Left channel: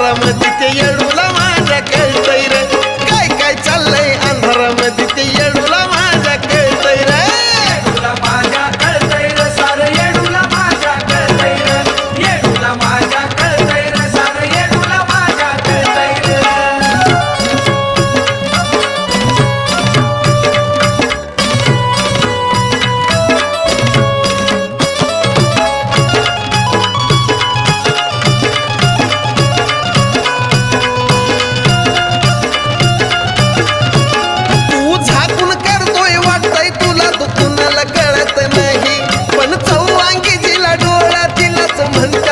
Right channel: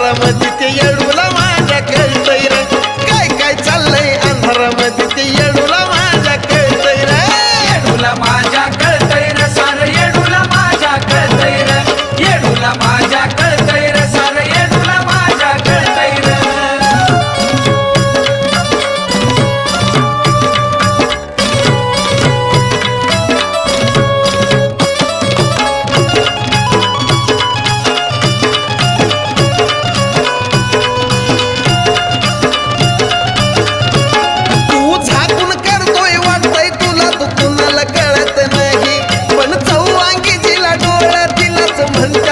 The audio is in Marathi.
अंधारामध्ये ते येडूला माझ्या कळतंय रे काय काय चाललंय अंधारामध्ये ते येडूला माझ्या कळतंय रे येडूला माझ्या कळतंय रे सारं येडूला माझ्या कळतंय रे येडूला माझ्या कळतंय रे सारं येडूला माझ्या कळतंय रे तू झाकून करतोय वाटतंय तुला तू कुणाला कळत नाही पण चौवांगी जिला डोळा तिलाच म्हणते